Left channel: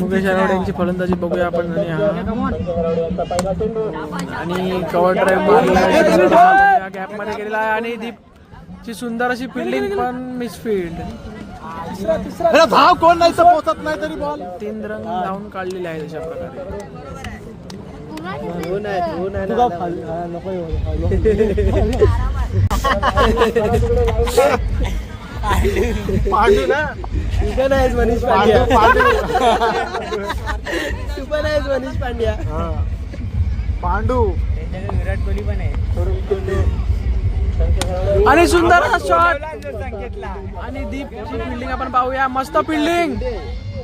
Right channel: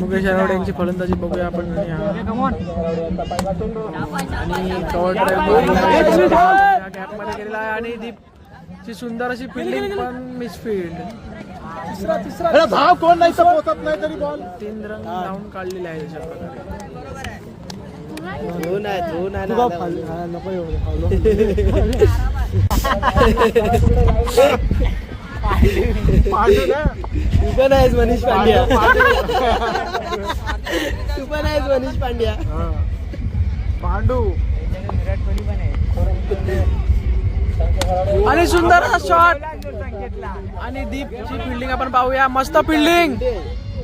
मुकेश आरावडे यांची फलंदाजी बघूया आपण. आणि कव्हर ड्राईव्ह गॅप मध्ये गेलेला आहे आणि दीपची सुंदर अशी फिल्डिंग पण मिसफिल्ड. धाव कोण नाही पोहोचत नाही तरी बॉल 3 रन लावून काढलेले आहे अशा प्रकारे. मनीष पांड्या तू पण आहेस मनीष पांड्या. पांडू विराट कोहली पण आहे. आणि सुंदर शॉट आणि दीपची फिल्डिंग आपण पाहूया. मस्त फिल्डिंग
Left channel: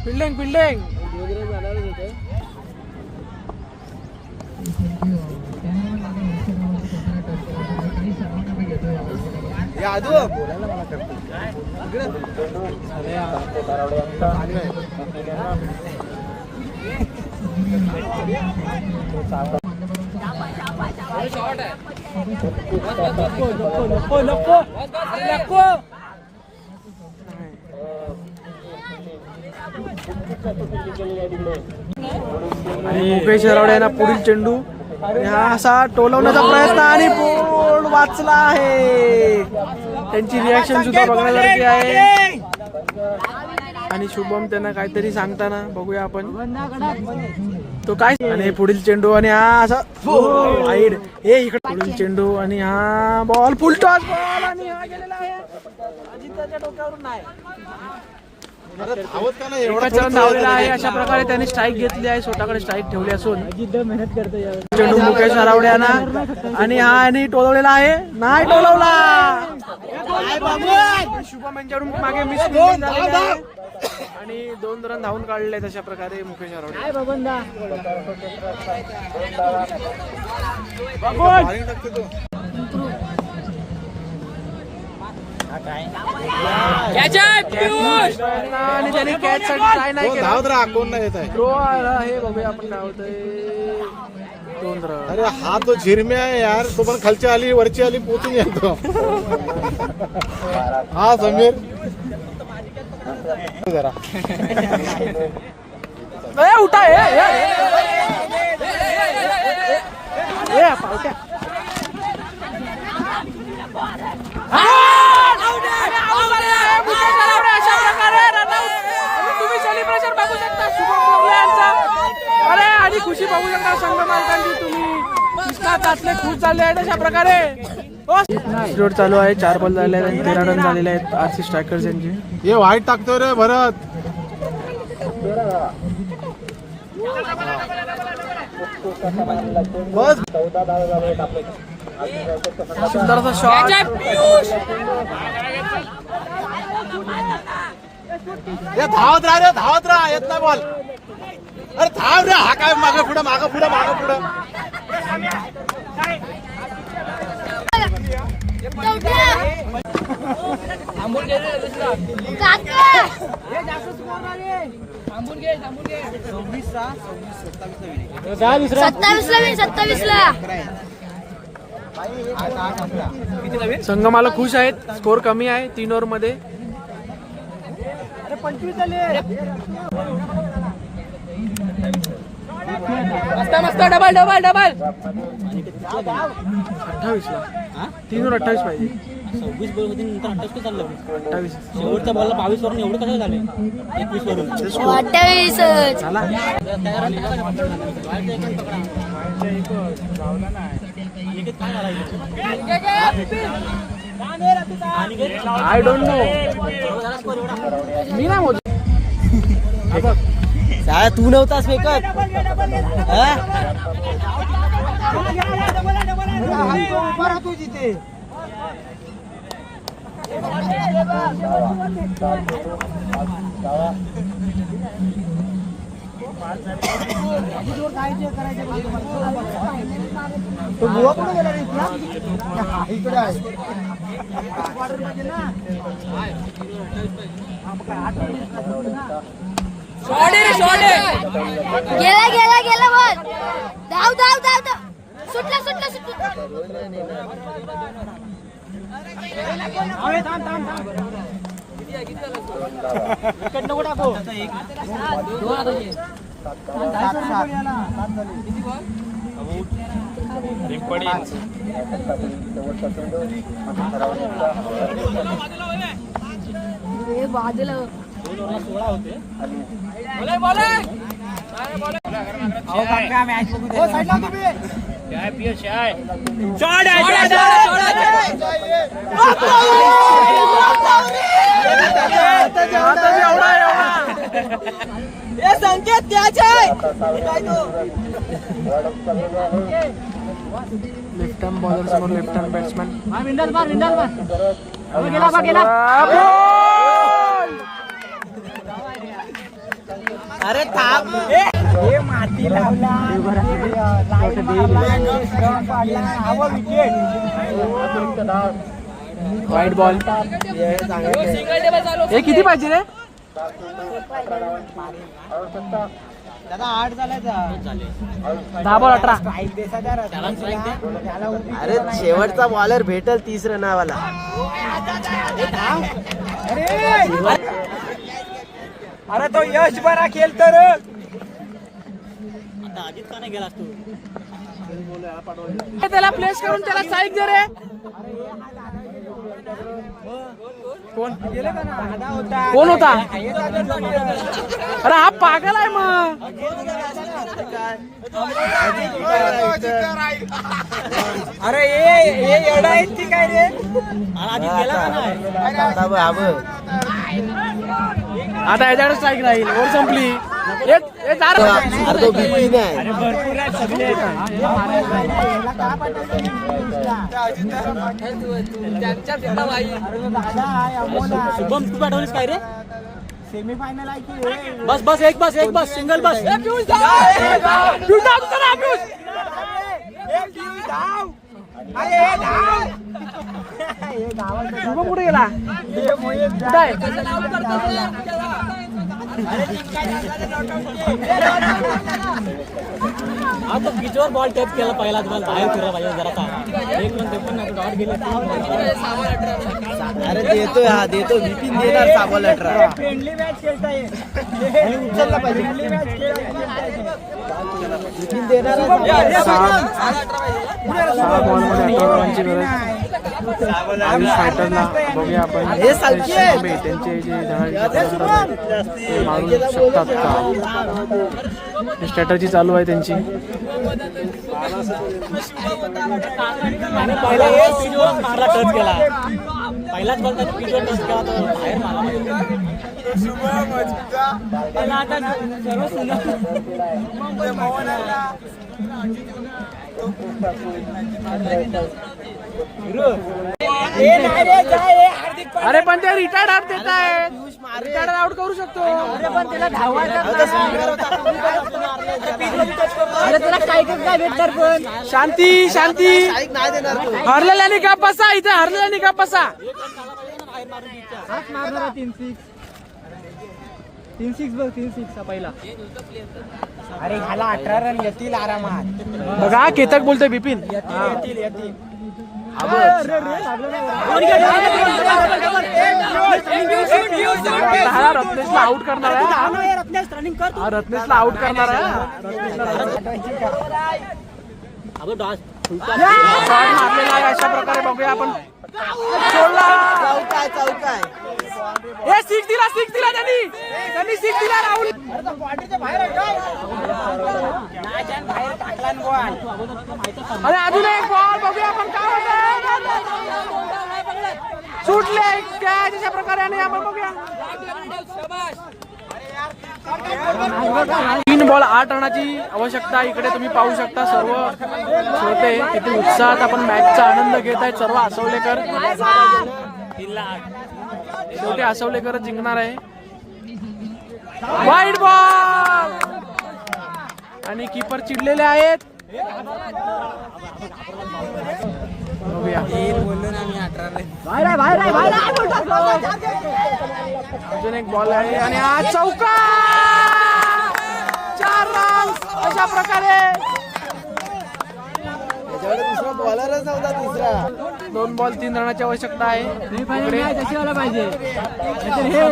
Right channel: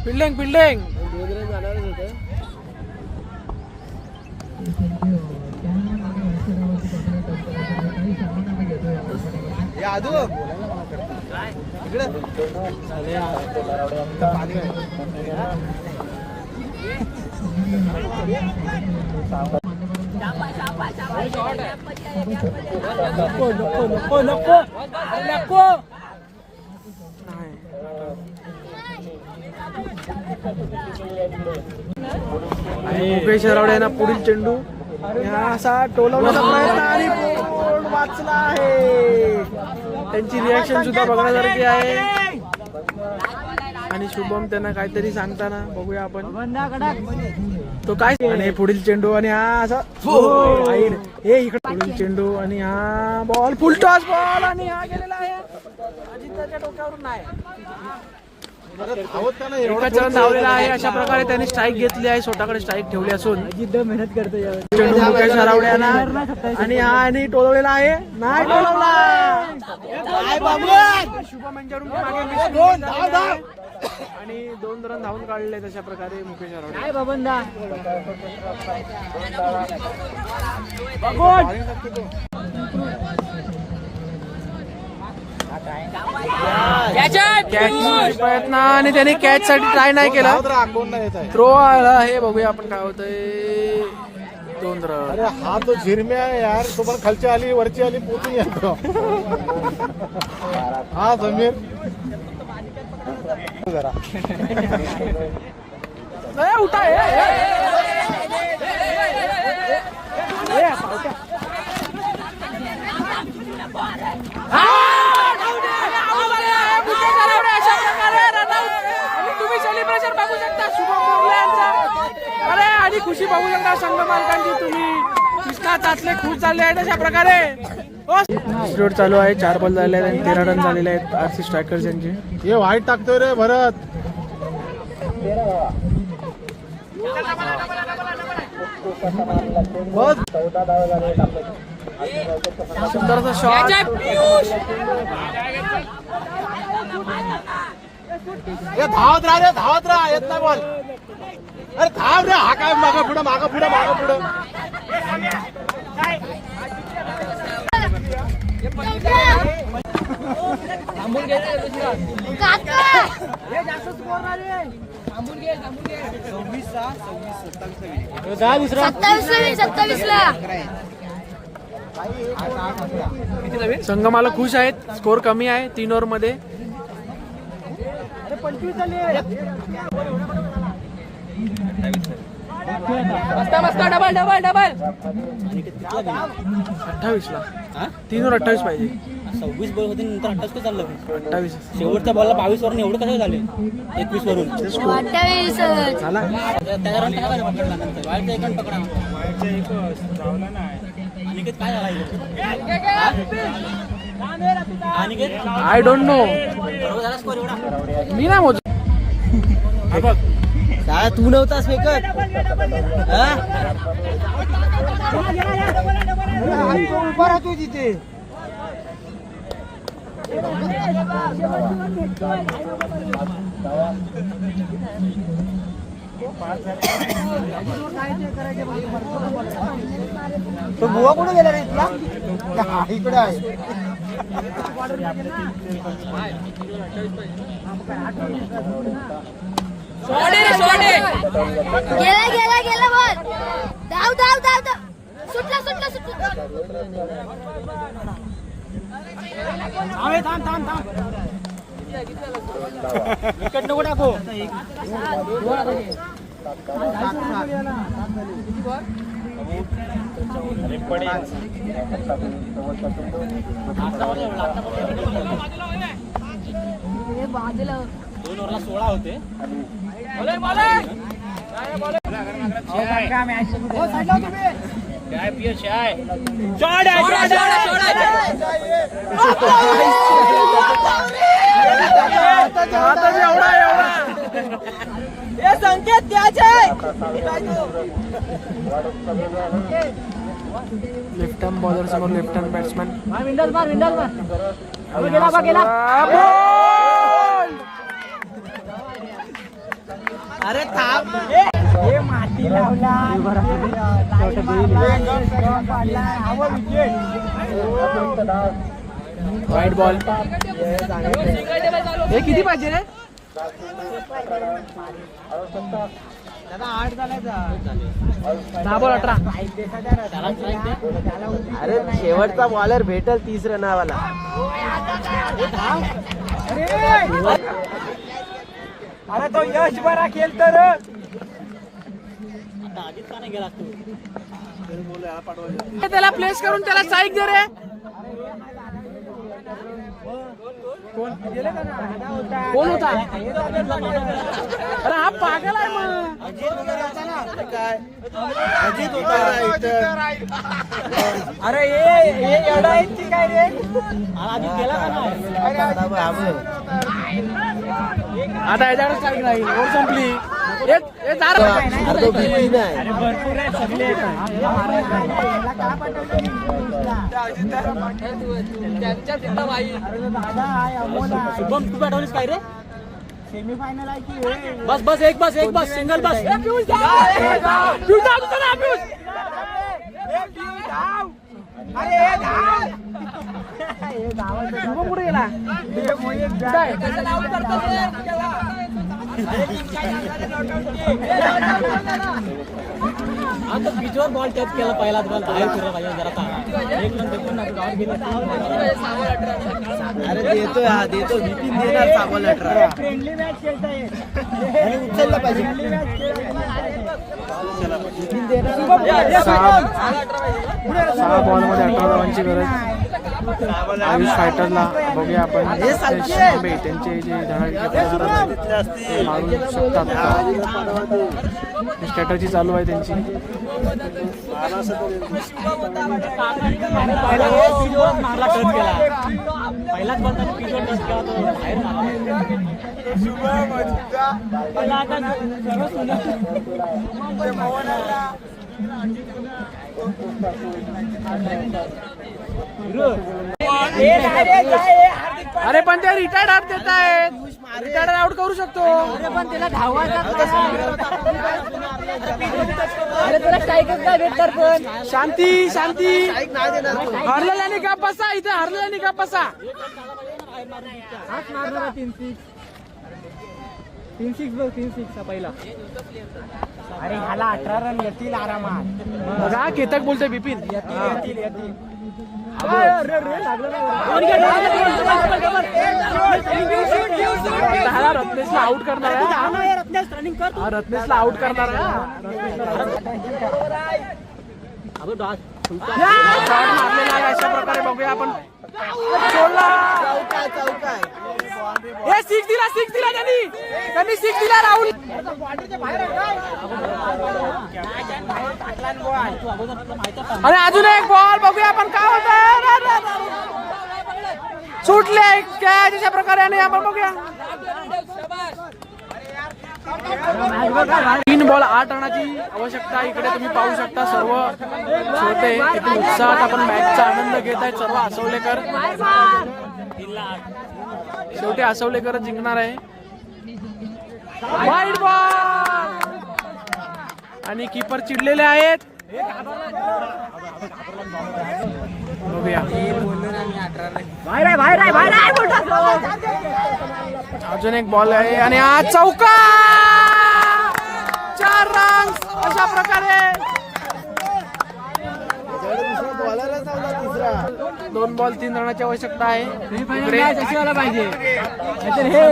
फिल्डिंग फिल्डिंग. आणि मुकेश आरावडे यांना पुढील चेंडू हा असा टोलवण्याचा प्रयत्न आणि बॉल वाचला आहे. त्यांची रिॲक्शन सुद्धा बघण्यासारखी आहे. आणि शुभम त्यांना काहीतरी सांगताना बघूया आपण तो काय. आणि पुढील चेंडू आणि हा असा हे इकडे पुढील चेंडू आणि हा बॉल फुल टॉस बॉल आणि हा गेलेला आहे. अजिंक्यच्या डोक्यावरून नाही धावलेला आहे. अशा प्रकारे त्यांनी स्ट्राईक घेतली आहे. स्वतःकडे स्ट्राईक ठेवली असून मेहनत करते चेंडू मुकेश आरावडे यांना आणि हा आणि टोलवलेला आहे. नाही टोलवला शुभम यांच्याकडून मागे मिस आणि 2 रन धावून काढले. तशा प्रकारे मुकेश आरावडे प्रयत्न आणि त्याने कॅच साठी ट्राय नाही केला. थ्रो आला हे बघूया आपण काय होतंय. 2 रन. अरे हा तो झिरम्या आहे यार. तो पण खालची आली वरची आली पोचून येतो. हा समीर जरा उठा तुम्ही सेलिब्रेशन बघू शकता शुभम बोरले यांचा. अरे आणि खुशी बघू शकता संघ मालकांची. तुम्ही कृष्णा तातले खुश झाले आहेत अशा प्रकारे. स्लोट चालू आहे. 4 बॉल झाले आहेत. 13 रन झालेले आहेत आरसी स्ट्रायकर्स यांचे. हे वाईट टाकतोय रे भरत. सुंदरसा शॉट. धावत राहा येत ना बॉल. अरे धाव रे. हा काय मागं पुढे मागं पुढे मागं पुढे. 27 संघ मला खुश आहेत. स्कोर कमी आहे 3 ओव्हर मध्ये. 28 ला 3 ओव्हर 28 पाहिजे. 26 बॉल होते नंतर 28 चाललं. 28 शेवटच्या बॉलला 22 वरून एवढं कसं झाले. 21 वरून झाला. I don't know. मी नाही मोज. तू नव्हतास फेकत. उभा राहतो तिथे. तो बुवा कुठे गेला रे इथला. इकडे आहे. साडे गेला गेला गेला बॉल. धाव धाव धाव धाव. सुटला सुटला सुटला. विकेट नको टाकू. हे बाजूला 2 ओव्हरला 16 होते. काय पियश आहे हातच एवढा एवढा. संकेत त्याचे लेफ्ट हँड बॉलर समोर लेफ्ट हँड बॅट्समॅन. विंडल मार गेला बा गेला. बॉल. अरे थांब वाईट बॉल. हे किती पाहिजे रे? दादा 8 झालाय. 10 बॉल 18. अरे शेवटचा बॉलर भेटल 30 रनावाला. अरे तो यश बरा खेळ तर आधीच का नाही गेला तू. त्याला प्लेस करून त्याला साईक दे रे. कोण होता? अरे हा पागल आहे मग. अरे ये एवढा आहे ती काय रे. आधीच गेला का नाही. आता याच्याकडे स्ट्राईक राहील. ओव्हर संपली. शुभम तू पाठवलीस काय रे. बस बस एक बस सिंगल बस. शुभम कुठे गेला? आता पिचवर बॉल टॅप केला पहिला. तुम्हाला बाहेर फिरला पाहिजे जरा. 1 मिनिट पण नाही बाहेर गेले. अरे देतो हा देतो. विपिन देणार साबॉल 18. फ्रेंडली मॅच खेळताय आणि उचलला पाहिजे. विपिन देणार. 6 बॉल मध्ये 18 धावांची गरज आयुष फायटरला. बघूया आपण थांबे त्यांचे जे धडाडीचे फलंदाज आहेत ते मारू शकतात का. स्ट्रॅटजी चालू आहे त्यांची. पहिलाच बॉल पिचवर टच केला तर बाहेर अरे पण ते रिटायर्ड आउट देत आहेत. रिटायर्ड आउट करू शकतो. अरे पण त्याला धावायचा. अरे त्याला काय भेटणार पण. शांती शांती. हरलेल्याने का बसा. इथे हरलेल्याने का बसा. हात मारणारा 3-6 बघ. 3-6 पहिला. अरे ह्याला 18 रन येतील आरामात. बघा केतक बोलतोय बिपिन. येतील. हा रत्नेशला आउट करणार आहे. हा रत्नेशला आउट करणार आहे. शॉट मारलेला आहे. अशा प्रकारे बघूया आपण. सोडला. हे 6 दिला त्यांनी 6 दिला. राहुल आणि अजून एक बॉल बघूया आपण काय होतं. सुटले काय तशा प्रकारे. आणि आपण बघूया 3 बॉल 8 रनाची आवश्यकता. इकडे तुम्ही पाहू शकता सर्व श्रोते किती उत्साहात आपण मॅचचा आनंद घेत आहेत. सर्व आसवलेकर. शेवटी आसवलेकर जिंकणार आहे. वाईट बॉल. आणि कीपर चिडलेले आहेत. बघूया अजून एक बॉल आहे आणि हा चौका. अशा प्रकारे दुसरा बॉलरच नव्हता तिसरा. 2 बॉल 3 रनाची आवश्यकता आहे इकडे. कशी व्हायला पाहिजे नाहीतर हे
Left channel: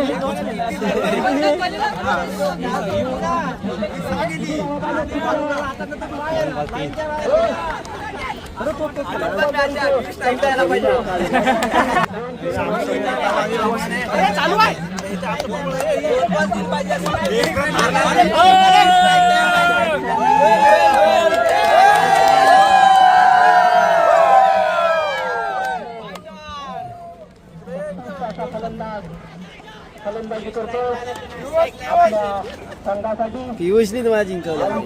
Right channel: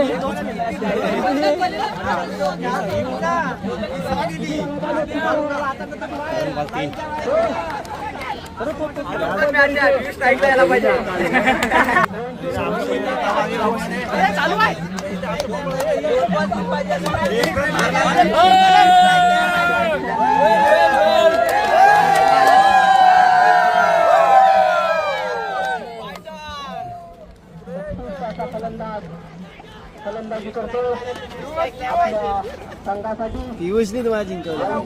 पियुषने तुम्हाला जिंकवलं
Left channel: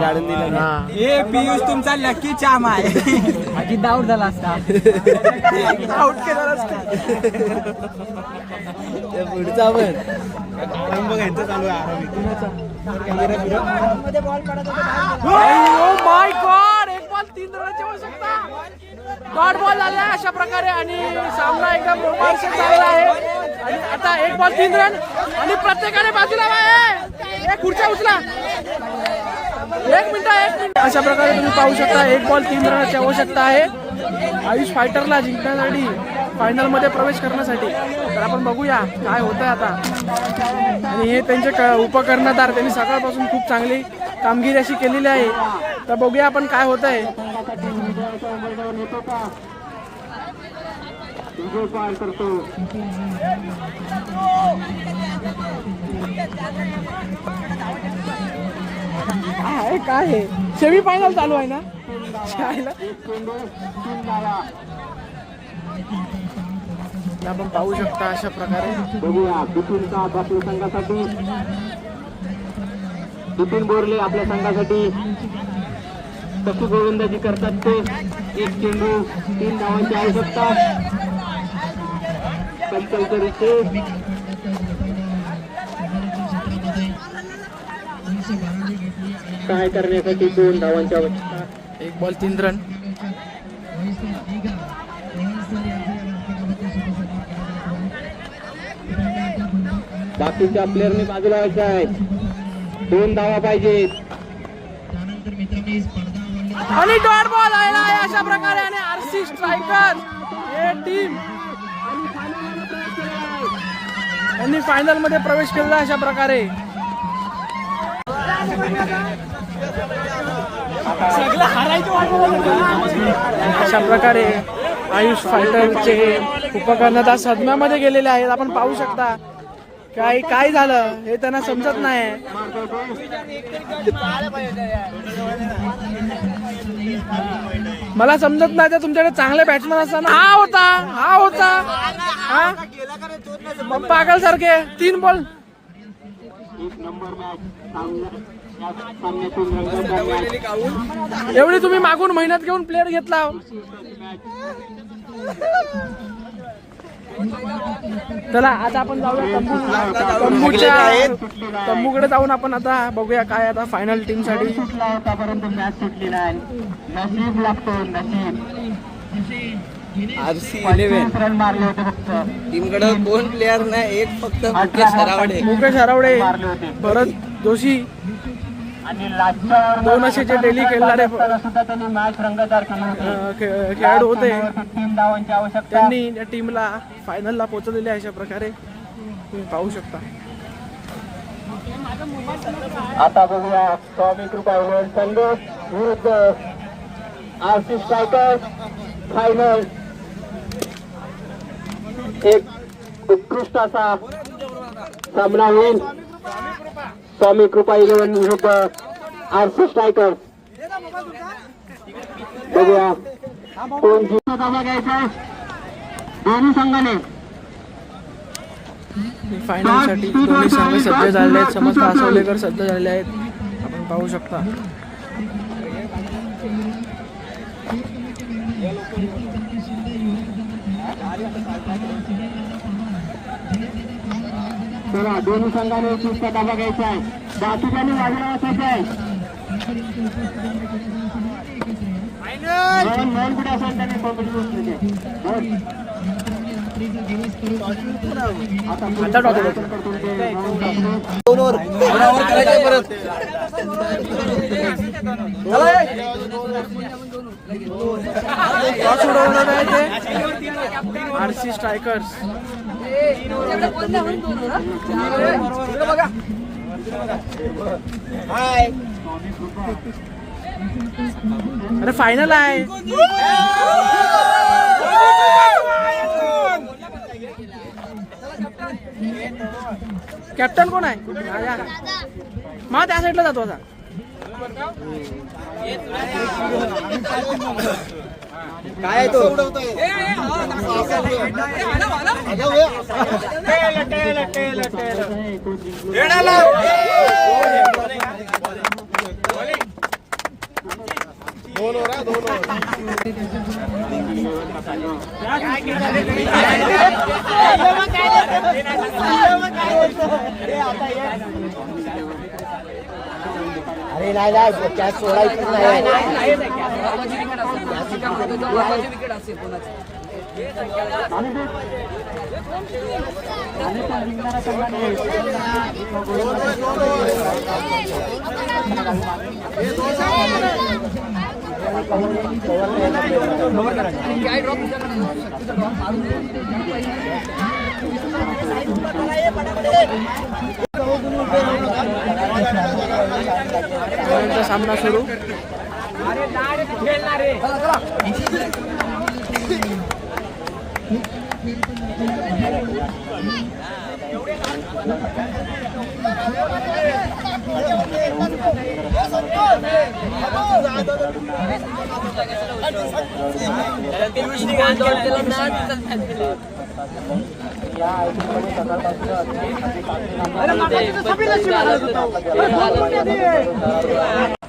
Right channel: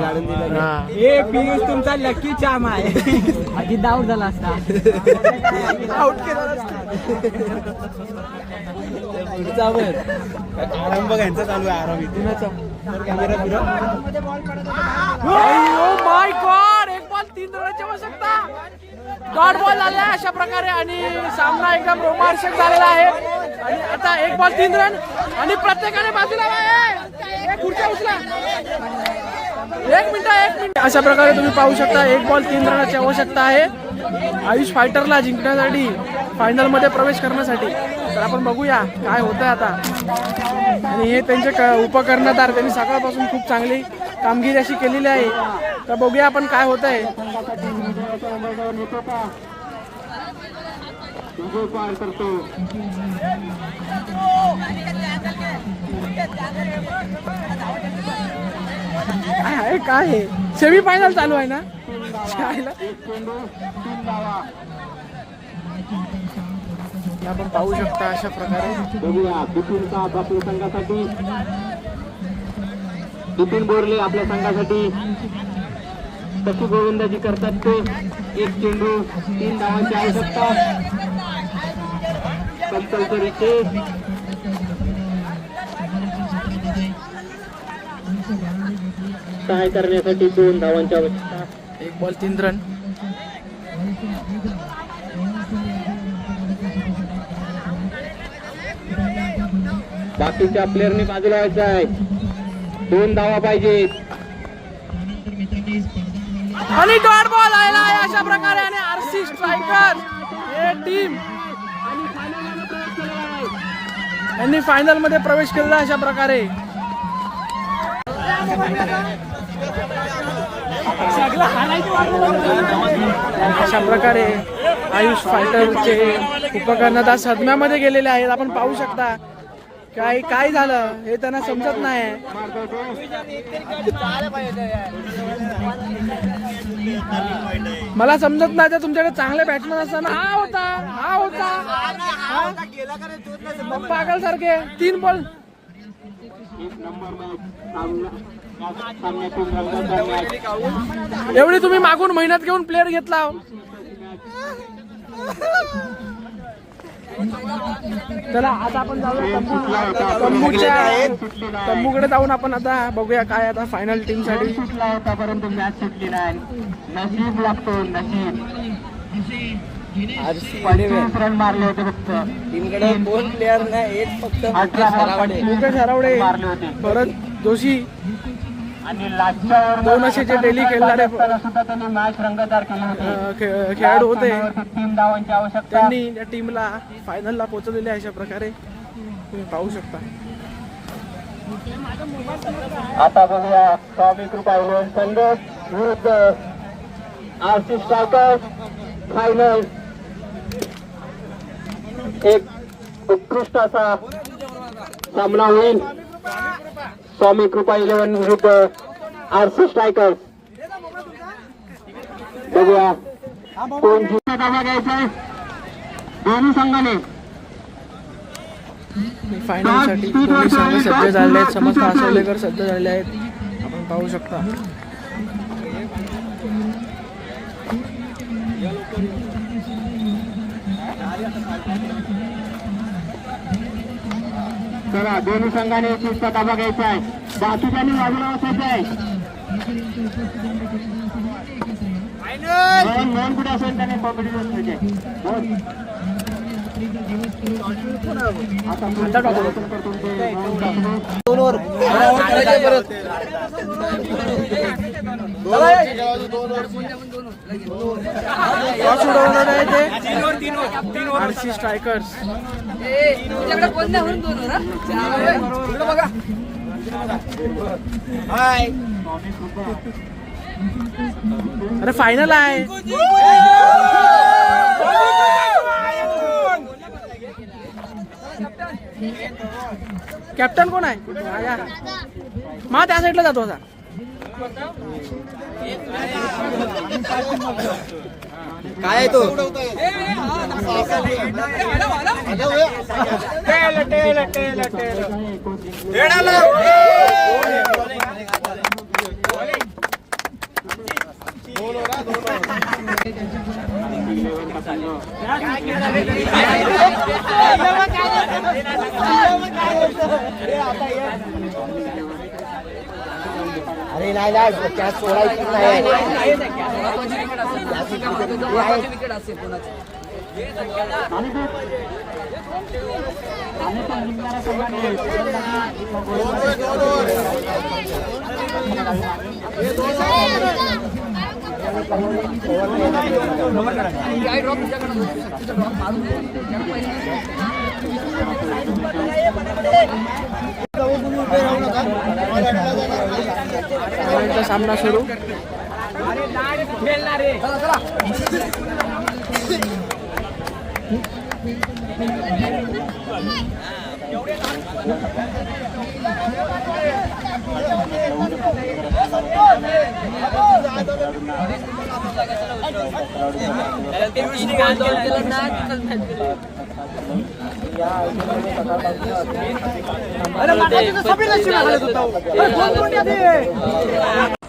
काढून दिलं. हा. हे पियुष तुमचा लकी चाम आहे. आधी डाऊट झाला असता. आउट केला नसता. पुढचा पण आराम बघ यांचा चालू आहे. आराम कुणाचा कॅमेरा फिरव. ओ माय गॉड 1 बॉल 3 रनाची आवश्यकता. डॉट बॉल झाला अशा प्रकारे आणि सामना एकदम रोमांचक झालेला आहे. आणि आता 1 बॉल 3 रन आणि प्रत्येकाने बाजूला खुर्च्या उचला. 1 मिनिट अशा प्रकारे तुम्ही पाहू शकता 1 बॉल 3 रनाची आवश्यकता आहे आयुष फायटरला जिंकण्यासाठी, फायनल मध्ये प्रवेश करण्यासाठी. तर आपण बघूया काय होतंय आता. आणि हे त्यांचे उपकर्णधार त्यांनी सकाळपासून खूप चांगली कामगिरी अशी केलेली आहे. तर बघूया आपण काय होत आहे. काय आहे सेमी फायनल चालू आहे ना. आपण पाहू शकता अशा प्रकारे. बघूया बिपिन साप आपल्या संघासाठी, बिपिन बोरले आपल्या संघासाठी कशी गोलंदाजी करतात ते. 1 चेंडू 3 धावांची आवश्यकता. कंपल्सरी काय करण्यासाठी 2 धावांची आवश्यकता. 1 बॉल 3 रन. बाकीच्या प्लेअरने बाजूला व्हायचं आहे. 2 धावा पाहिजे. आणि डॉट बॉल आलेला आहे अशा प्रकारे. आणि आरसी स्ट्रायकर हे टीम यांनी फायनल मध्ये प्रवेश केलेला अशा प्रकारे. अशा प्रकारे आयुष फायटरचे उपकर्णधार सदम्यामध्ये गेलेले आहेत. आपण पाहू शकता काय झालं हे त्यांना समजत नाही. मला समजत नाही. तर तुमच्याकडे चांगले बॅट्समन असताना हा होता पागल सारखे 3 बॉल. एवढी तुम्ही मागून मेहनत घेऊन प्लेअर घेतला. चला आता आपण जाऊया तंबूकडे जाऊन आपण आता बघूया काय आता फायनल टीम साठी. परंतु मॅच सुटली नाही. नशीब लागतो नशीब. 25 रन मारले होते फक्त टीमकडे 2 प्लेअर नाही, एक फक्त मुकेश हरवडे, भरत जोशी आणि लास्टच्या 2 असे जे डेली खेळणारे सुद्धा त्यांनी मॅच रंगतदार केली होती. खेळाडू होते. 3 धावांची आवश्यकता. त्यांनी त्या टीमला फायनलला पोहोचवलेले अशा प्रकारे तुम्ही पाहू शकता. आता बघूया स्वामी कृपा संघ विरुद्ध आरसी स्ट्रायकर्स. फायनल एक उत्कृष्ट असा सामना होईल. स्वामी कृपा 11 विरुद्ध आरसी स्ट्रायकर्स. बघूया कोण जिंकण्याचा घ्यायचा आहे दोन्ही संघाने. फायनल साठी दोन्ही संघ सज्ज झालेले आहेत. समस्त आसवलेकर सज्ज झालेले आहेत. आपण पाहू शकता. चला दोन्ही संघाने चिंता ताबा घ्यायचा आहे. बाकीच्यांनी बाजूला असायचे आहे. नवीन कुठे असेल त्याने पकडून बसले. आता टॉस उडवणार आहे ते आरसी स्ट्रायकर्स. अरे फायनल आहे. कॅप्टन कोण आहे? मा त्या साईडला जातो आता. काय तो अरे नाही नाही कॅच सोडायची नाही. विकेट असेल कोणाची. सामना सुरू.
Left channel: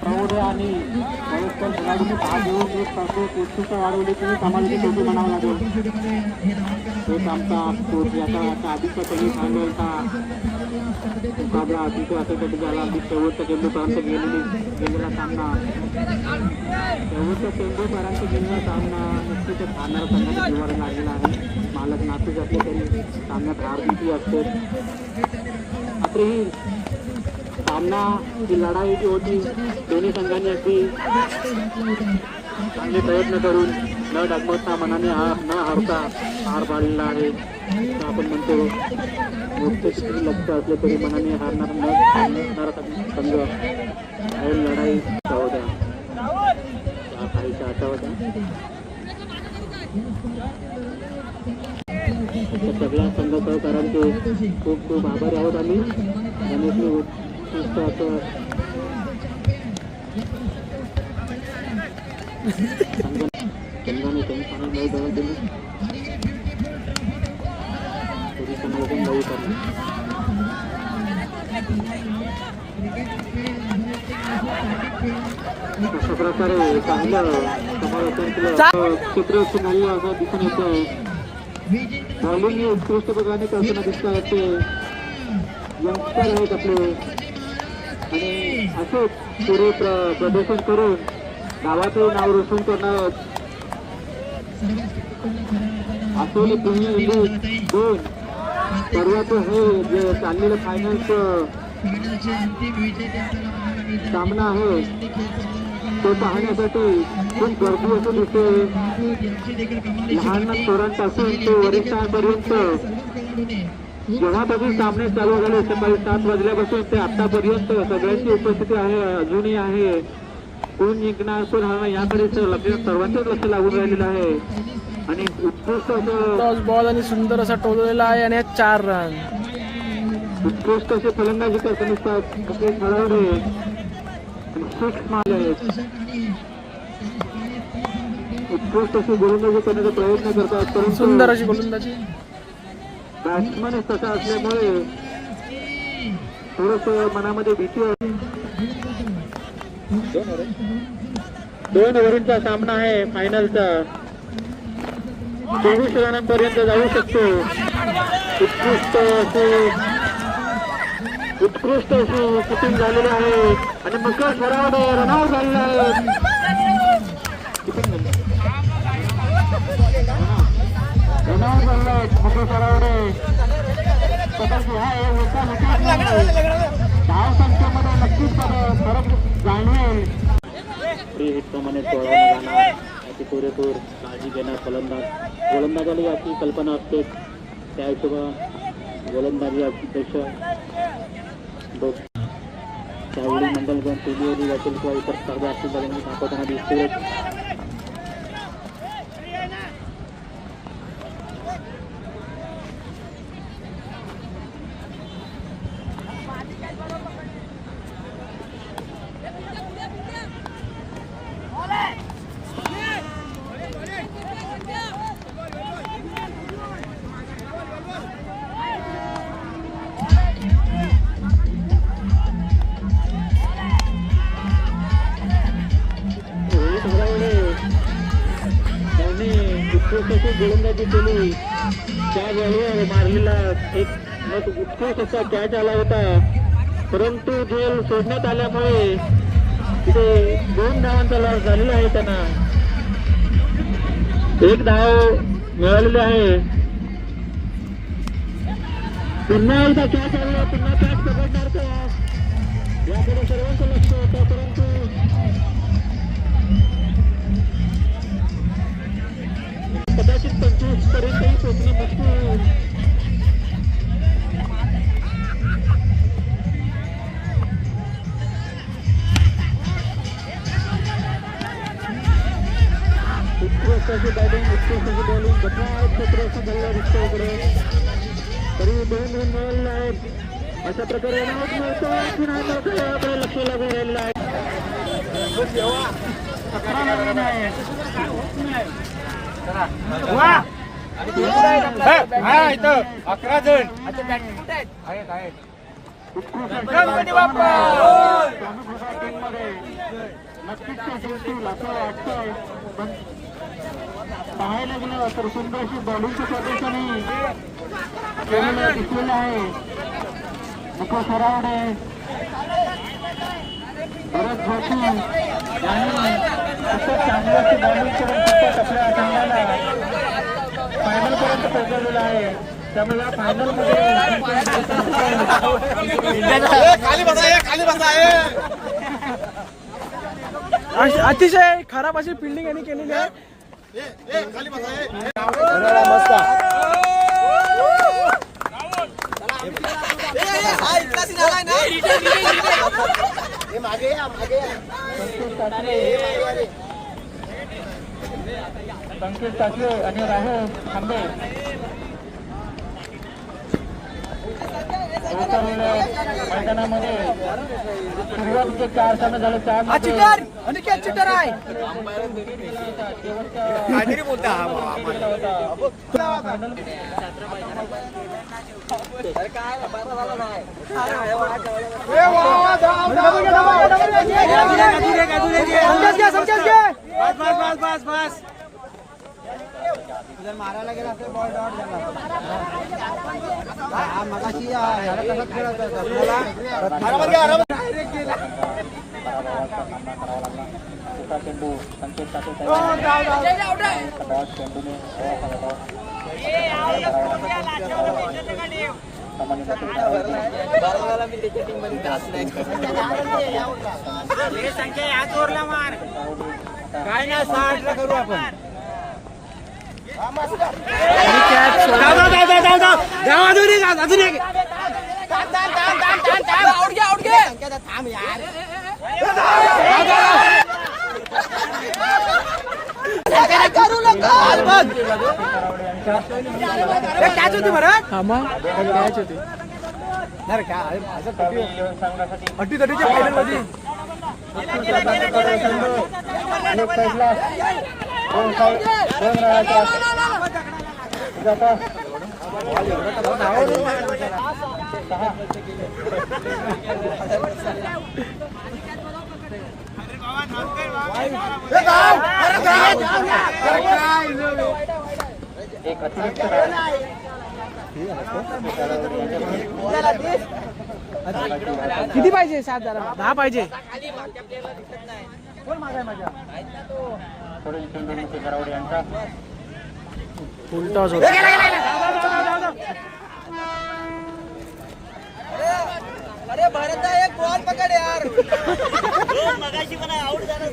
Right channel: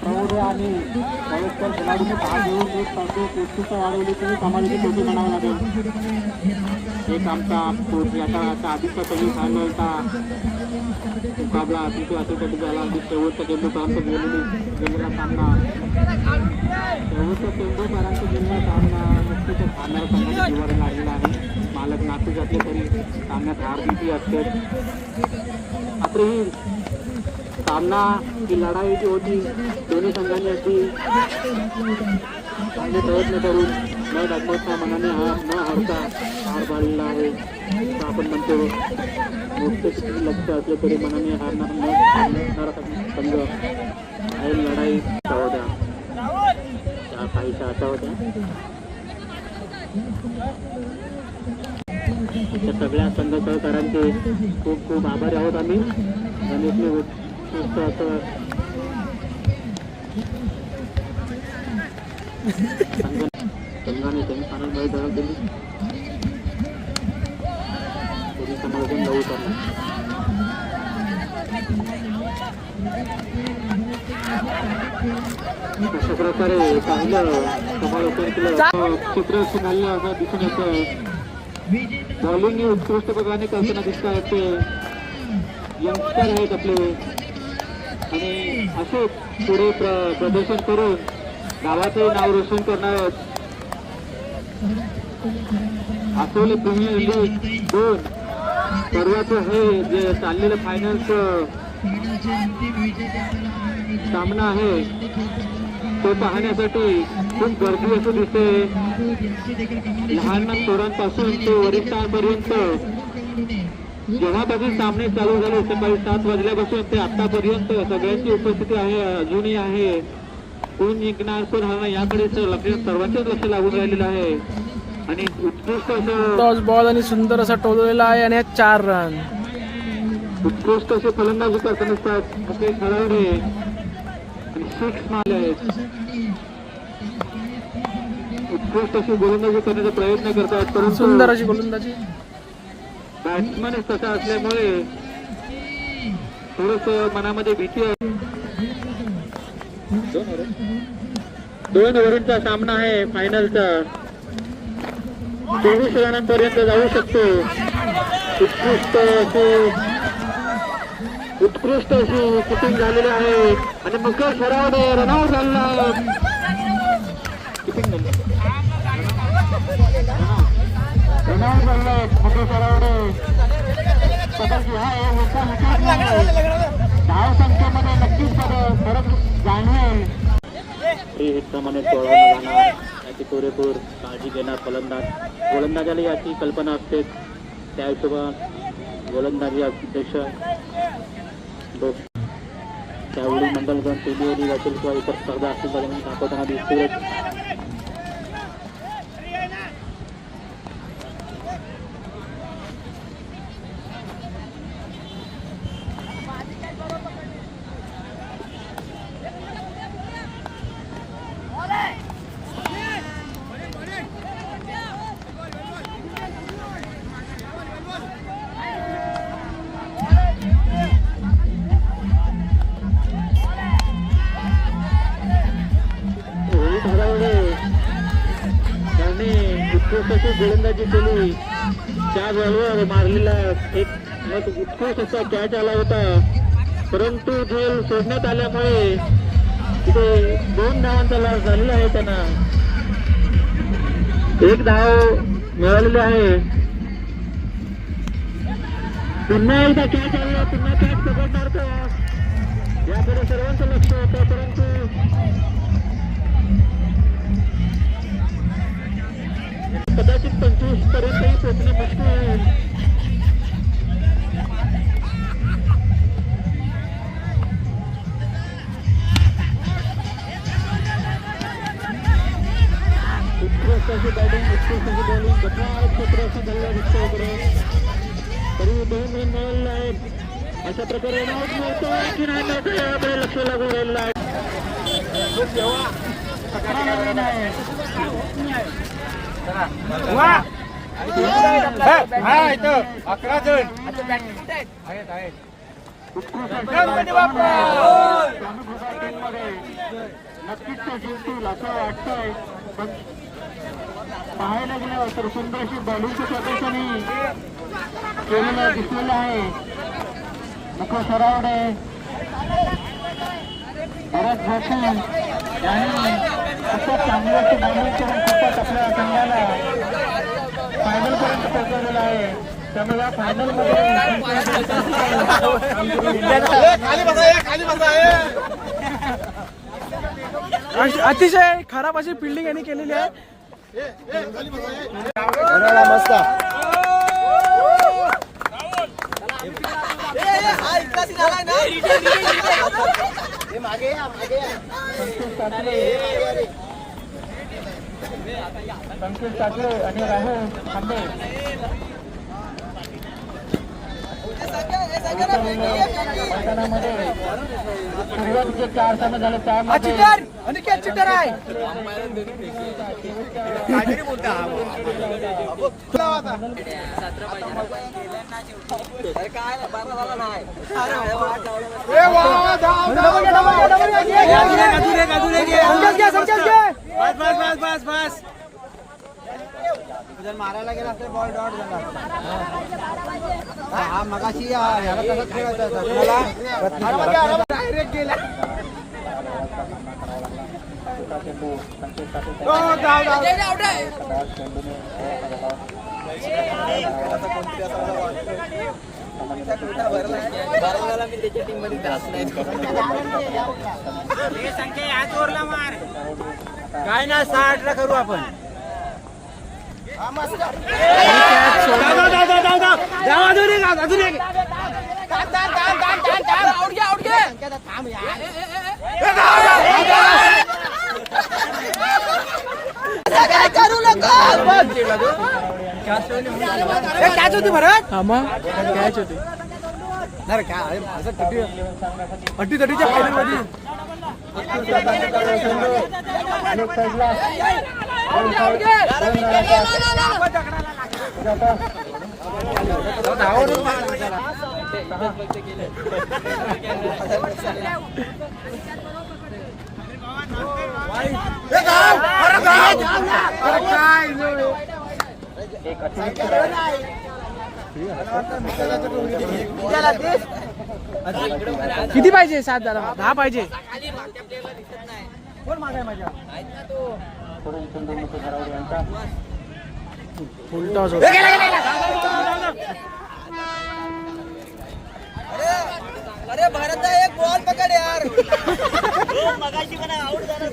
प्रौढ आणि वयस्कर खेळाडूंनी भाग घेऊन एक स्पर्धेत उत्सुकता वाढवली तरी समाजाची शेवटी म्हणावं लागेल. एक आमचा याच्या आधीच्या कधी फायनलचा मुकाबला अतिशय अशासाठी झाला की शेवटच्या चेंडूपर्यंत गेलेला सामना. शेवटच्या चेंडूपर्यंत गेलेला सामना नक्कीच हारणारा संघाला जिव्हारी लागलेला आहे. मालक नातूच असले तरी सामन्यात हार भीती असते. मात्र ही सामना ही लढाई जी होती दोन्ही संघांनी अगदी चांगले प्रयत्न करून न डगमगता मनाने न हारता हार पाडलेला आहे. असं आपण म्हणतो मोठे लक्ष असले तरी मनाने हारणारा संघ ही लढाई होत्या त्या काहीशा आता होत्या. सगळ्या संघ सहकारांचे खूप खूप आभारी आहोत आम्ही. संघाने सेमीफायनल मध्ये धडक दिली. समालोचन लवू करणार. अशा प्रकारे चांगलं समालोचन केलं. चित्र सुनाली असं दिसून येतं. बॉलिंग उत्कृष्ट प्रकारे करताना दिसत आहेत. यंगस्टर आहेत आपले आणि असं पुढे प्रदर्शन करून गावाचे नाव रोशन करणार. आठवले तुम्ही 2 परवाचं हे जे चाललेलं फायनलचं सामना आहे तो पाहण्यासाठी खूप गर्दी असं दिसते. लहान पोरांपासून ते वरिष्ठांपर्यंत जेव्हापासून सामने चालू झाले सकाळी 7 वाजल्यापासून ते आतापर्यंत सगळ्यांची उपस्थिती आहे. अजूनही आहे. कोण जिंकणार कोण हरणार याकडे सर्वांचंच लक्ष लागून राहिलेलं आहे. आणि उत्कृष्ट टॉस बॉल आणि सुंदर असा टोललेला आहे आणि 4 रन. उत्कृष्ट असे फलंदाजी करताना असतात असे खेळाडू आणि 6 मारले आहेत. उत्कृष्ट अशी गोलंदाजी करण्याचा प्रयत्न करतात परंतु सुंदर अशी गोलंदाजी. बॅट्समन तसा असल्यामुळे थोडस मनामध्ये भीती आहे. 2 ओव्हरचा सामना आहे फायनलचा. 24 रनांपर्यंत जाऊ शकतो. उत्कृष्ट अशी किपिंग झालेली आहे आणि मुकेश सरावडे रनआउट झालेला आहे. किपिंग धाव संख्येमध्ये नक्कीच फरक जाणवेल. हिटप्रमाणे टोळा याची पुरेपूर काळजी घेणार गोलंदाजाला याची कल्पना असते. त्या हिशोबाने गोलंदाजी अध्यक्ष त्यावेळी मंडलगण पेलियरी वाचेल किंवा इतर स्पर्धा असतील दरम्यान दाखवताना दिसतील. उत्कृष्ट गोलंदाजी केली. त्या बॉलवर मारलेला एक उत्कृष्ट असा कॅच आला होता, परंतु झेल सोडण्यात आल्यामुळे तिथे 2 धावांचा लॉस झालेला आहे. त्यांना 1 धाव मिळालेली आहे. पुन्हा एकदा कॅच आला, पुन्हा कॅच पकडणार तो. याकडे सर्वांचं लक्ष होतं, परंतु कदाचित 25 पर्यंतही पोहोचणे मुश्किल आहे. उत्कृष्ट अशी बॅटिंग, उत्कृष्ट अशी बॉलिंग, गटाळ क्षेत्र असं झालं विश्वाकडे. तरी 2 रन मिळालेले आहेत. अशा प्रकारे रनआउट मिळतोय की नाही मिळतोय याकडे लक्ष लागून राहिलेलं आहे. 17 रन आहे. इथं 11 जण नक्कीच जिंकतील असं वाटतंय. पण पाहायला गेलं तर सुंदर अशी बॉलिंगच्या प्रदर्शनही केलेलं दिसलेलं आहे. मुख्य सरावडे, भरत जोशी यांनी असे चांगली अशी बॉलिंग करून फायनलपर्यंत पोहोचलेलं आहे. त्यामुळे अतिशय खराब अशी फिल्डिंग यांनी केलेली आहे. संकेत टाकले आणि राहे थांबे मैदानामध्ये सुरुवातीचे 4 सामने झाले. 4 चिटर अनिकेत चिटर आहे. मारायला गेला तर बॉल डॉट झाला. हा मगाशी कसं खेळत काय ना 60 ला करू आपण. हा मग कॅच होती. अटी-तटीच्या फायनलमध्ये किती पाहिजे? 7 जरा 10 पाहिजे. फुल टॉस होता. अरे भारत एक बॉल पकड यार. मगाशी मला आउट झाला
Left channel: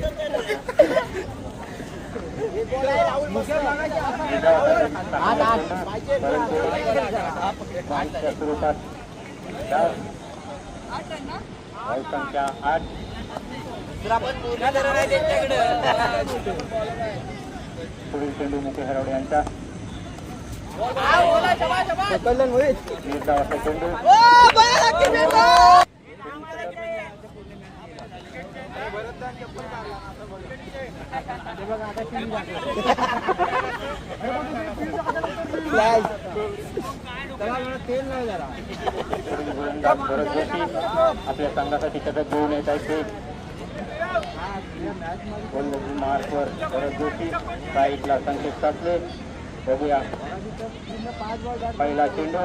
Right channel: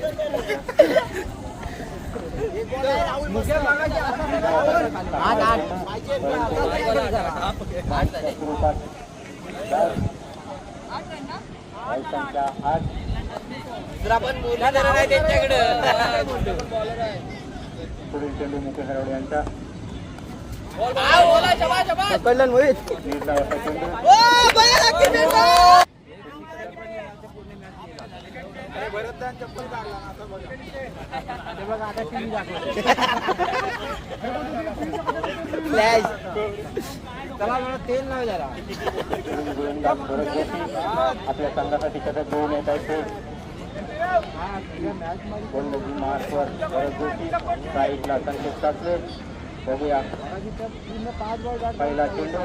संख्या 8 आपण बोला जरा नाही त्यांच्याकडे. पुढील चेंडू मुके हरवडे यांचा पकडलं मोहित. निर्धाव असा चेंडू फ्लॅश चला मला तेल नाही जरा. भरत जोशी आपल्या संघासाठी शतक घेऊन येत आहेत ते गोलंदाजी मार्कवर भरत जोशी साईडला संकेत कापले. बघूया पहिला चेंडू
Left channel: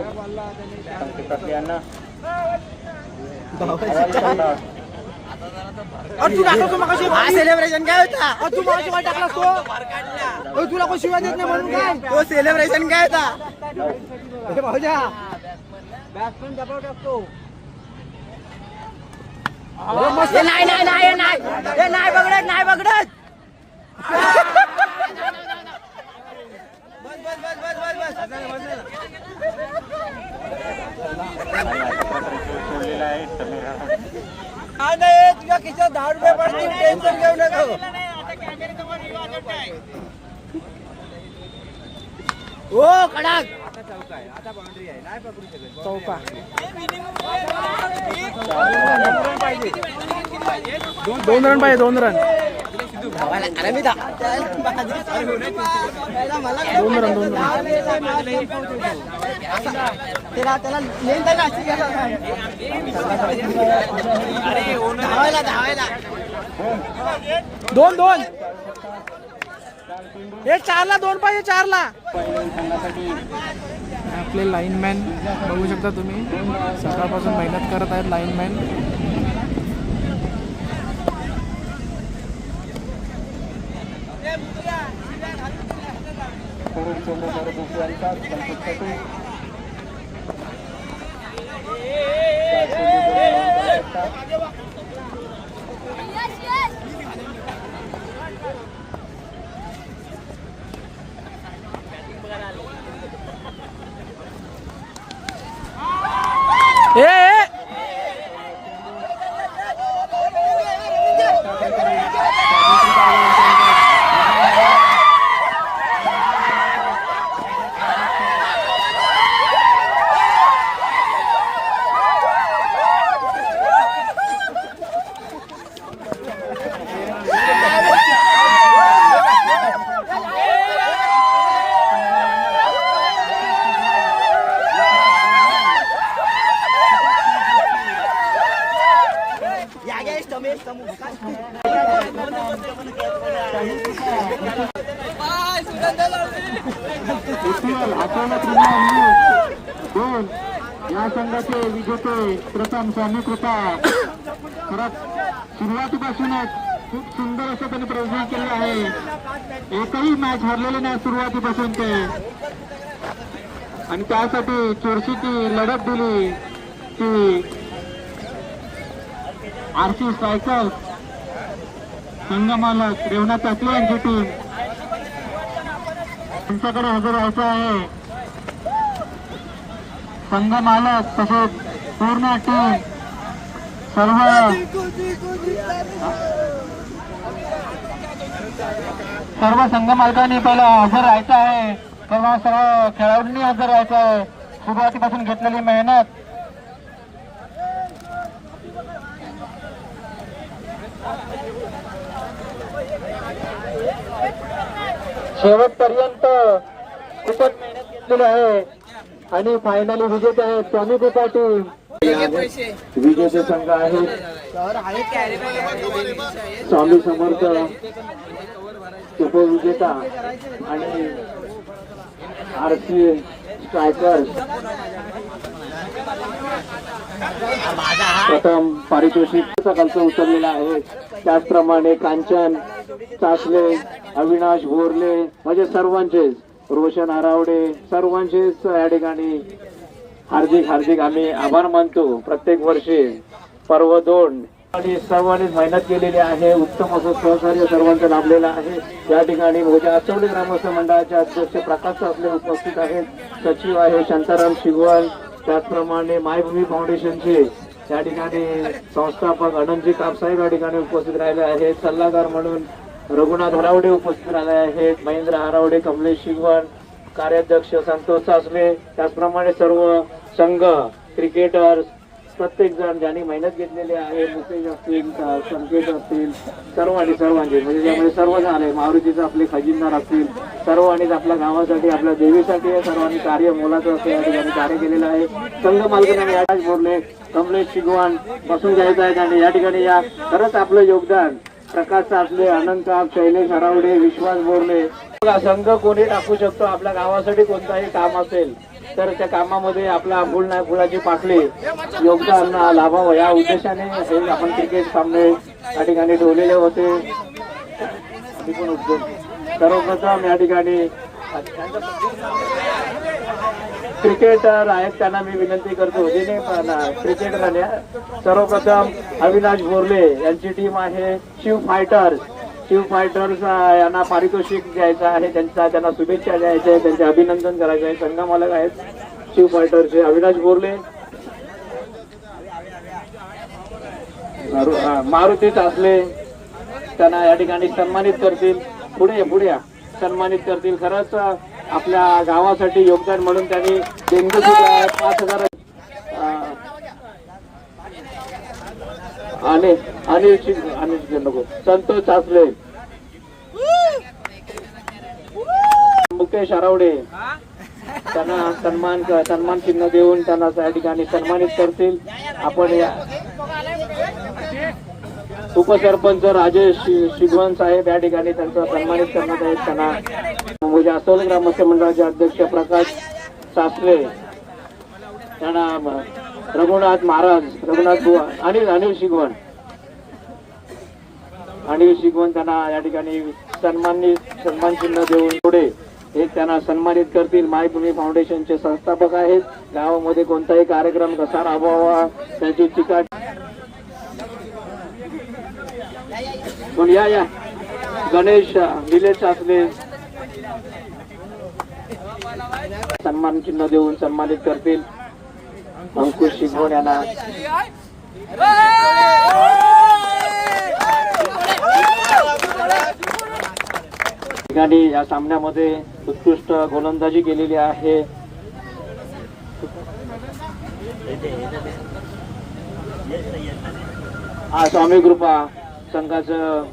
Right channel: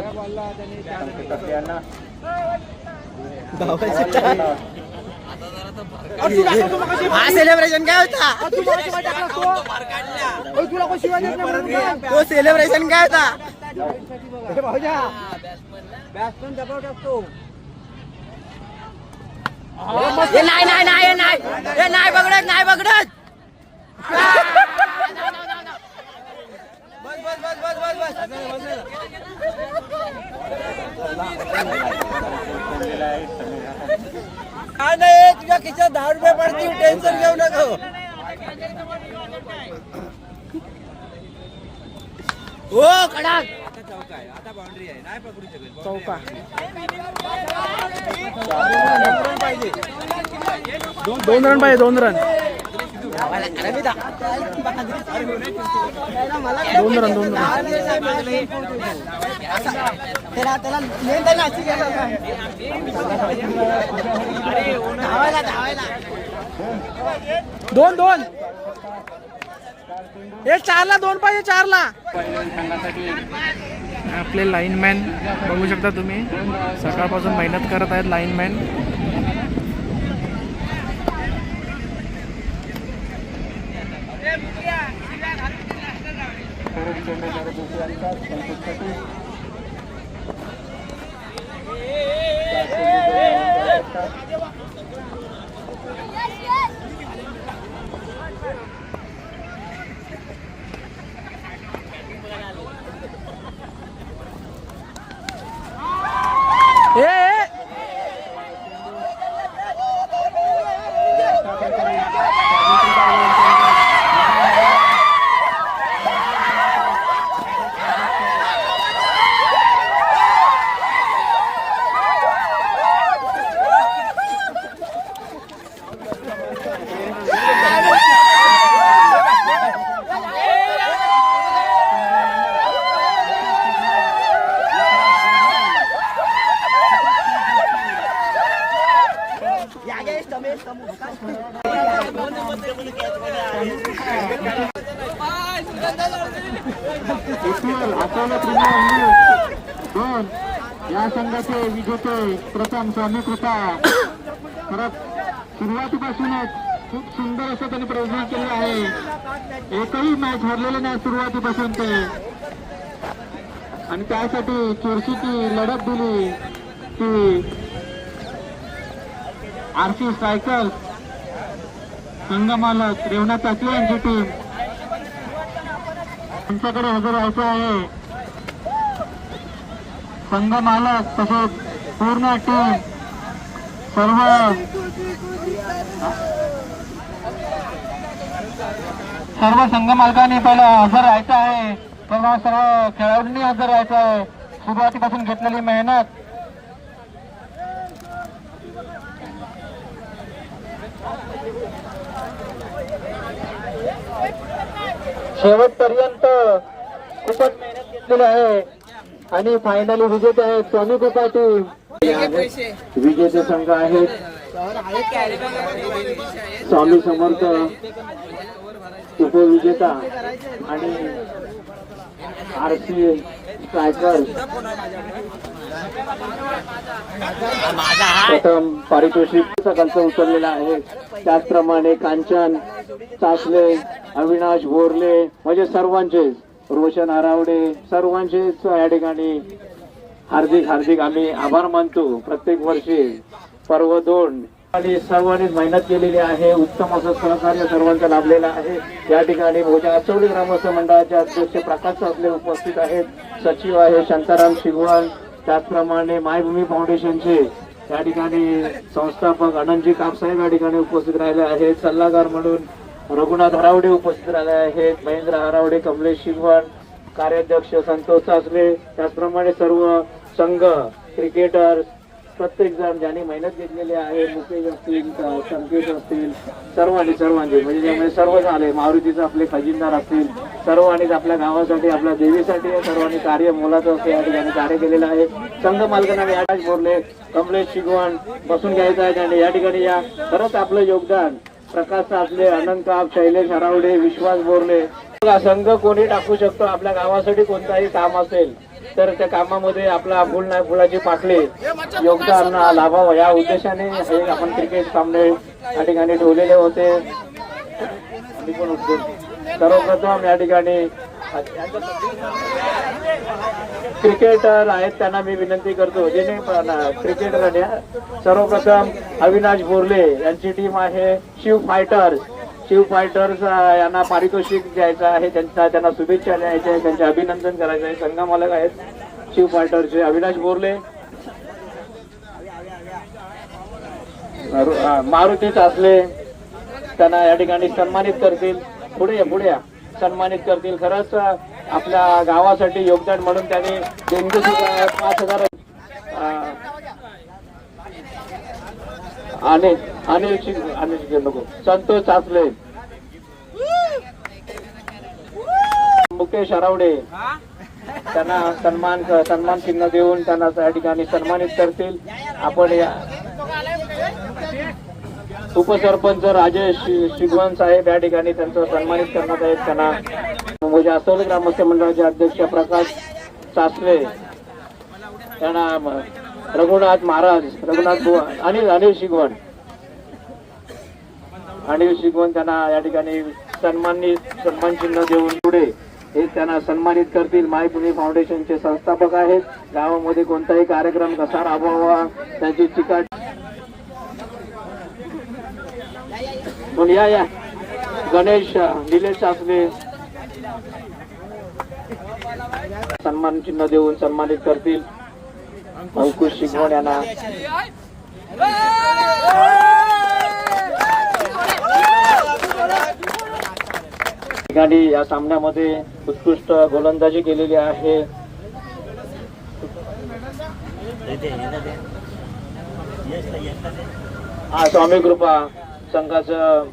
संकेत कापले यांना हा सेलिब्रेशन काय होता. तुला कोण शिवाय देत नाही म्हणून तो सेलिब्रेशन काय होता. बॅट्समन दबाव टाकतो. नाही नाही नाही नाही नाही बघडत नाही बघडत. बस बस बस बस बस नाही तुझ्या खिशात 10 रुपये पडतील. टेन्शन घेऊ नको. हो कडक आता बाउंड्री आहे. नाही पकडू शकत. चौका. 2 रन पाहिजे. 2 रन पाहिजे. 2 रन. 2 रन. 2 रन. दोन 2 हे 4ला 2 पाहिजे. 4ला आपले लाईनमॅन बघू शकता तुम्ही. सकाळपासून मेहनत करत आहेत लाईनमॅन. या संघाचे विजेते प्रथम स्वामी कृपा. खरंच सुरुवातीपासूनच खूप सुंदर असं त्यांनी प्रदर्शन केलं आहे. एकही मॅच हरलेले नाही सुरुवातीपासून ते. आणि त्यासाठी चुरशीची लढत दिली ती आरसी स्ट्रायकर्स संघमालक रेवणा चाकले यांची टीम. त्यांच्याकडे हजर व्हायचं आहे. संघ मालक तसेच पूर्ण टीम सर्व संघ मालकांनी पहिला हजर राहायचं आहे. तेव्हा सर्व खेळाडूंनी हजर राहायचं आहे. सुरुवातीपासून घेतलेली मेहनत शेवटपर्यंत खूपच मेहनत घेतलेली आहे. आणि फायनली विजेते आहेत स्वामी कृपा टीम. विजेते संघ आहेत स्वामी समर्थ उपविजेता आणि आरसी स्ट्रायकर्स. प्रथम पारितोषिक सकाळचं उचललेलं आहे. त्याचप्रमाणे कांचन चासले, अविनाश बोरले म्हणजे सर्वांचे रोशन हरावडे सर्वांचेच या ठिकाणी हार्दिक आम्ही आभार मानतो. प्रत्येक वर्षी पर्व 2 आणि सर्वांनी मेहनत केलेली आहे. उत्तम असं सहकार्य सर्वांचं लाभलेलं आहे. या ठिकाणी भोजा आचवले ग्रामस्थ मंडळाचे अध्यक्ष प्रकाश सासले उपस्थित आहेत. सचिव आहे शांताराम शिगवण, त्याचप्रमाणे मायभूमी फाउंडेशनचे या ठिकाणी संस्थापक अनंतजी कापसाहेब या ठिकाणी उपस्थित राहिले आहेत. सल्लागार म्हणून रघुनाथ हरावडे उपस्थित राहिले आहेत. महेंद्र हरावडे, कमलेश शिगवण, कार्याध्यक्ष संतोष सासले, त्याचप्रमाणे सर्व संघ, क्रिकेटर्स, प्रत्येक जण ज्यांनी मेहनत घेतलेली आहे. मुकेश असतील, संकेत असतील, सर्वांचे म्हणजे सर्व झाले. मारुतीचे आपले खजिनदार असतील, सर्वांनीच आपल्या गावासाठी, आपल्या देवीसाठी सर्वांनी कार्य मोलाचं असं या ठिकाणी कार्य केलेलं आहे. संघ मालकांनी याच बोलले, कमलेश शिगवण बसून घ्यायचं आहे आणि या ठिकाणी या खरंच आपलं योगदान प्रकाश सासले, अनंत काप, शैलेश हरावडे, विश्वास बोरले. संघ कोणी टाकू शकतो. आपल्या गावासाठी कोणताही काम असेल तर त्या कामामध्ये आपला फुलाची पाकळी योगदान लाभावं या उद्देशाने हे आपण क्रिकेट सामने या ठिकाणी ठेवलेले होते. सर्वप्रथम या ठिकाणी क्रिकेटर आहेत त्यांना मी विनंती करतो. क्रिकेटर सर्वप्रथम अविनाश बोरले यांची टीम आहे. शिव फायटर्स यांना पारितोषिक द्यायचं आहे. त्यांना शुभेच्छा द्यायच्या आहेत, त्यांचे अभिनंदन करायचे आहे. संघ मालक आहेत शिव फायटरचे अविनाश बोरले. मारुती सासले त्यांना या ठिकाणी सन्मानित करतील. पुढे या सन्मानित करतील. खरंच आपल्या गावासाठी योगदान म्हणून त्यांनी 5,000 संतोष सासले, मुकेश हरावडे त्यांना सन्मान चिन्ह देऊन त्यांना त्या ठिकाणी सन्मानित करतील. आपण या उपसरपंच राजेश शिगवण साहेब या ठिकाणी त्यांचं सन्मानित करण्यात आहेत. त्यांना भोजा आचवले ग्रामस्थ मंडळाचे अध्यक्ष प्रकाश सासवे, त्यांना रघुनाथ अनिल शिगवण त्यांना या ठिकाणी सन्मान चिन्ह देऊन पुढे एक त्यांना सन्मानित करतील. मायभूमी फाउंडेशनचे संस्थापक आहेत. गावामध्ये कोणताही कार्यक्रम कसा राबवावा त्याची टीका या गणेश निलेश सासले सन्मान चिन्ह देऊन सन्मानित करतील. अंकुश शिगवण यांना ठिकाणी या सामन्यामध्ये उत्कृष्ट गोलंदाजी केलेली आहे. स्वामी कृपा संघाचं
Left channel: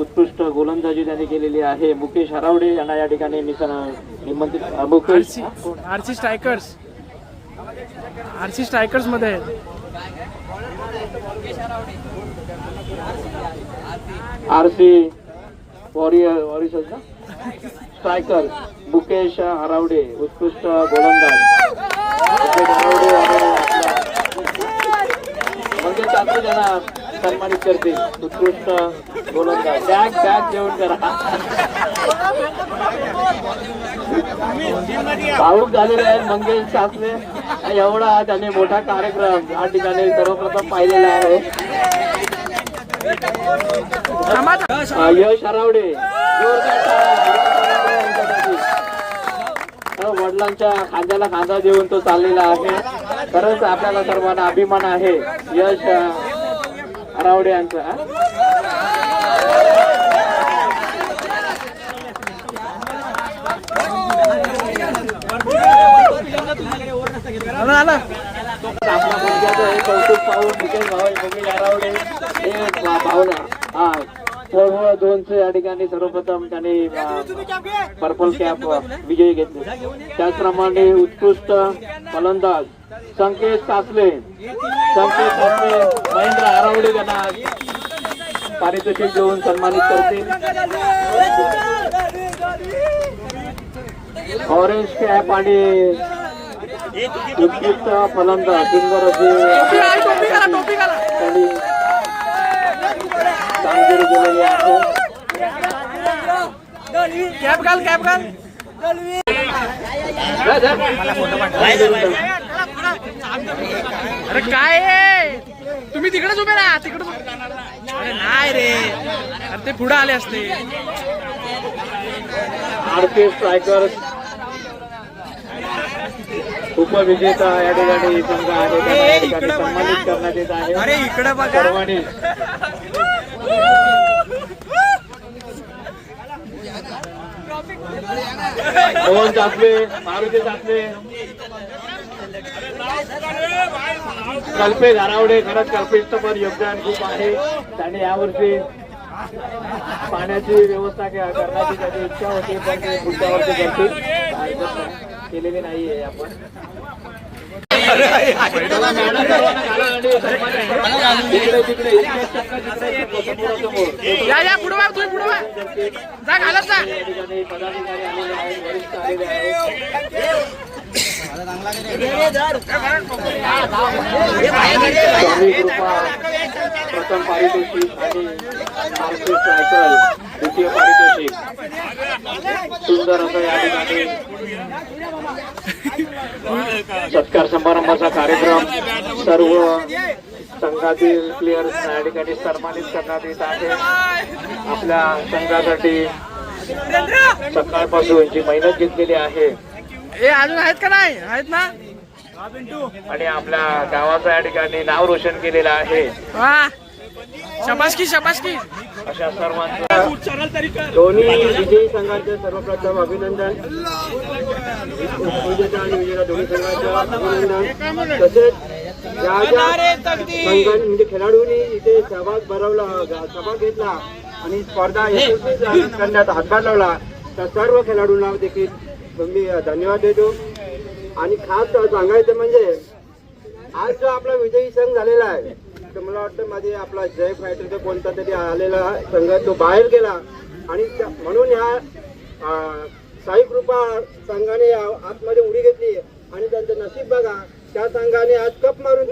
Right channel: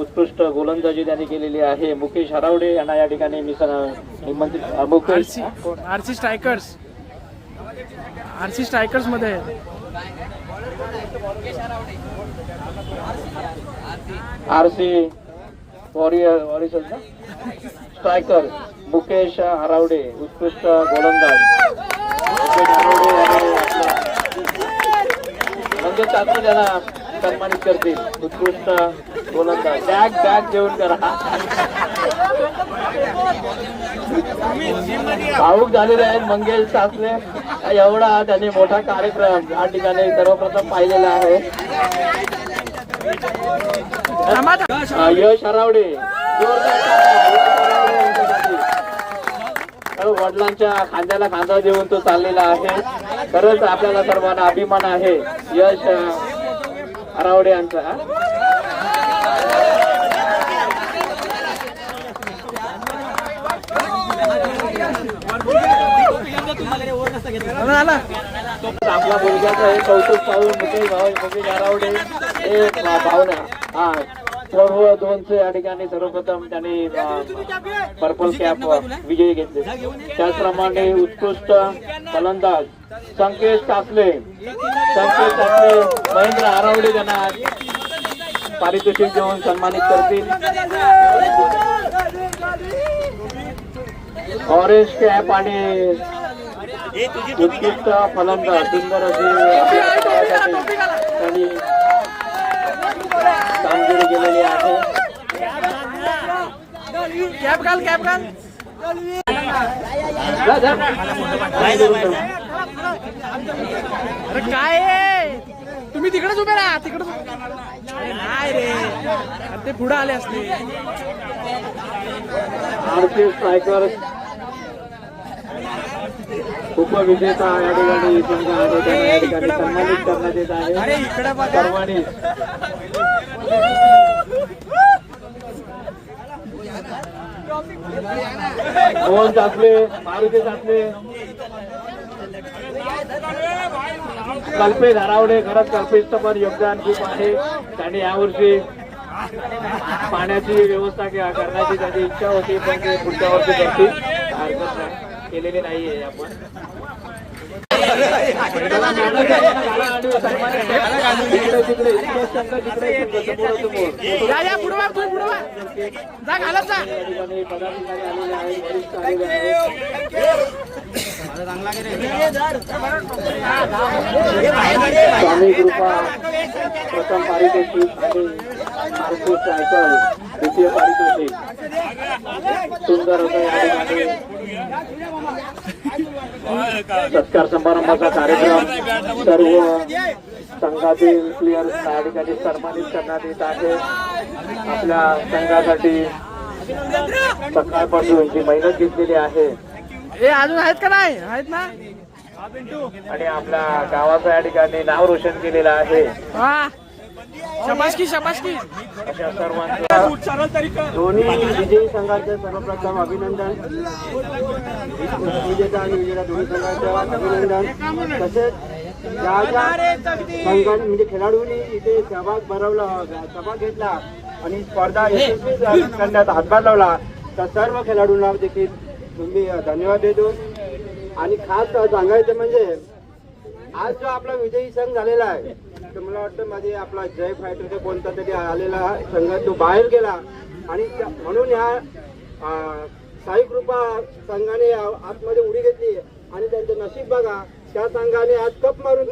उत्कृष्ट गोलंदाजी त्यांनी केलेली आहे. मुकेश हरावडे यांना या ठिकाणी आरसी स्ट्रायकर्स मध्ये आहेत. आरसी वॉरियर्स स्ट्रायकर मुकेश हरावडे उत्कृष्ट गोलंदाज. म्हणजे चाचणी त्यांना सन्मानित करतील. उत्कृष्ट गोलंदाज बॅग घेऊन करा. भाऊक झालेले आहेत मंगेश सासरे. एवढा त्यांनी मोठा कार्यक्रम या ठिकाणी सर्वप्रथम पाहिलेला आहे. यश हरावडे वडिलांच्या खांद्याला खांदा देऊन तो चाललेला आहे. खरंच आपल्याला सर्वांना अभिमान आहे यश हरावडे यांचा. आपल्या मुलग्याचं हे कौतुक पाहून मुकेश हरावडे हे भावना 2चे या ठिकाणी सर्वप्रथम त्यांनी पर्पल कॅप विजयी घेतले. त्याचप्रमाणे उत्कृष्ट फलंदाज संकेत सासले महेंद्र हरावडे यांना पारितोषिक देऊन सन्मानित करतील. ऑरेंज कॅप आणि उत्कृष्ट फलंदाज सुंदर अशी कामगिरी केलेली आहे. कॅप घाल अरे काय आहे? तुम्ही तिकडेच उभे राहा तिकडे. अरे नाही रे, अरे ते पुढे आले असते. आरपी स्ट्रायकर उपविजेता या ठिकाणी संघ आहे त्यांना या ठिकाणी सन्मानित करण्यात येत आहे. सर्वांनी मोहन चाचले, मारुती चाचले, कल्पेश हरावडे. खरंच कल्पेशचं पण योगदान खूप आहे. त्यांनी यावर्षी पाण्याची व्यवस्था करण्याची त्याची इच्छा होती, पण ते पुढच्या वर्षी करतील. हरकत नाही, केलेली नाहीये आपण. या पुढे वा, तुम्ही पुढे वा, जा घालत जा. पदाधिकारी आलेले आहेत, वरिष्ठ आलेले आहेत. स्वामी कृपा प्रथम पारितोषिक आणि आरपी सायकल द्वितीय पारितोषिक. सुंदर असं या ठिकाणी सत्कार समारंभाचा कार्यक्रम सर्व संघातील प्लेयर्स या ठिकाणी सन्मानित करण्यात येत आहे. आपल्या संघासाठी सकाळपासून जी मेहनत घेतलेली आहे हे अजून आहेत का नाही? आहेत ना? आणि आपल्या गावाचं या ठिकाणी नाव रोशन केलेलं आहे. वा, शबासकी शबासकी. अशा सर्वांचं दोन्ही विजयी संघाचं सर्वप्रथम अभिनंदन. विजेता आणि विजेता दोन्ही संघाचं अभिनंदन. तसेच ज्या ज्या संघांनी म्हणजे खेळाडूंनी इथे सहभाग घेतला आणि स्पर्धा यशस्वी करण्यात हातभार लावला, त्या सर्व खेळाडूंना देखील मी धन्यवाद देतो. आणि खास सांगायचं म्हणजे आज जो आपला विजयी संघ झालेला आहे, तर मला वाटतं मध्ये आपला जय फायटरचा कोणता तरी आलेला संघ तो बाहेर गेला आणि म्हणून ह्या साई कृपा संघाने आतमध्ये उडी घेतली आणि त्यांचं नशीब बघा, त्या संघाने आज कप मारून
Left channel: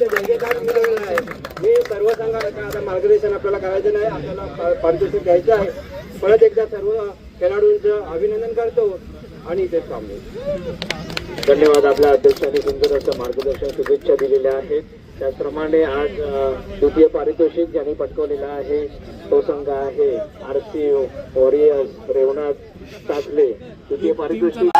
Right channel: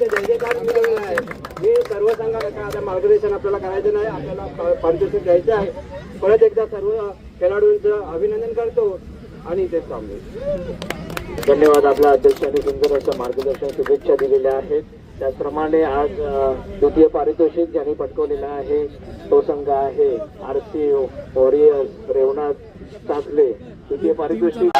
ते जयकार मिळवलं आहे. मी सर्व संघाला आता मार्गदर्शन आपल्याला करायचं नाही, आपल्याला पारितोषिक द्यायचं आहे. परत एकदा सर्व खेळाडूंचं अभिनंदन करतो आणि इथेच थांबतो. धन्यवाद. आपल्या अध्यक्षांनी सुंदर असं मार्गदर्शन शुभेच्छा दिलेल्या आहेत. त्याचप्रमाणे आज द्वितीय पारितोषिक ज्यांनी पटकवलेलं आहे तो संघ आहे आरसी वॉरियर्स रेवनाथ चाचले. द्वितीय पारितोषिक